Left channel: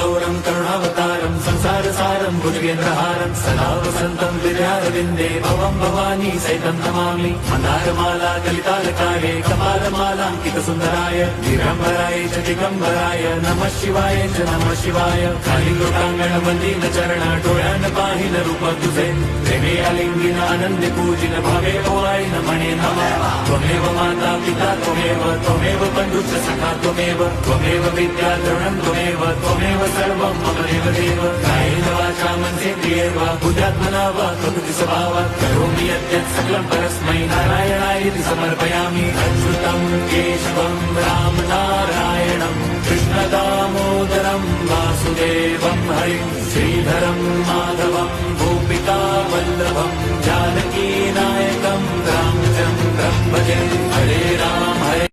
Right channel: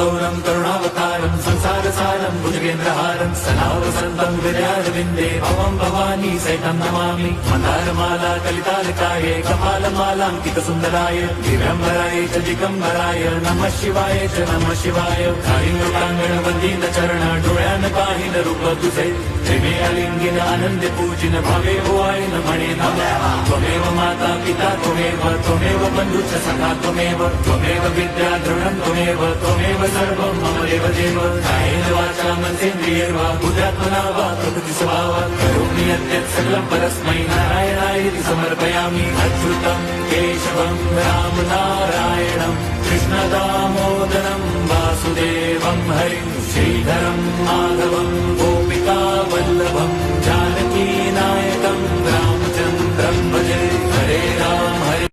कल्पतौरं करुणावतारं संसारसारं भुजगेन्द्रहारं सदा वसन्तं विद्यारविन्दे भवं भवानी सहितं नमामि। मन्दारमाला कलितालकाये कपालमालाङ्कितसुन्दराय दिगम्बराय च दिगम्बराय नमः शिवाय च नमः शिवाय। कालिङ्गोटाङ्गण वन्दित चरण डोळ्यान पाहिन रूप तुझे प्रेमे अलिंगिन आनंद पूजिन भावे ओवाय नमणे नमः। त्वमेव माता पिता त्वमेव बन्धुश्च सखा त्वमेव विद्या द्रवणं त्वमेव सर्वं मम देव कायेन वाचा मनसेन्द्रियैर्वा बुद्ध्यात्मना वा प्रकृति स्वभावात् करोमि यद्यत् सकलं परस्मै नारायणायति समर्पयामि। अच्युतं केशवं राम नारायणं कृष्णदामोदरं वासुदेवं हरिं श्रीधरं माधवं गोपिका वल्लभं जानकी नायकं रामचन्द्रं भजे। हरे राम हरे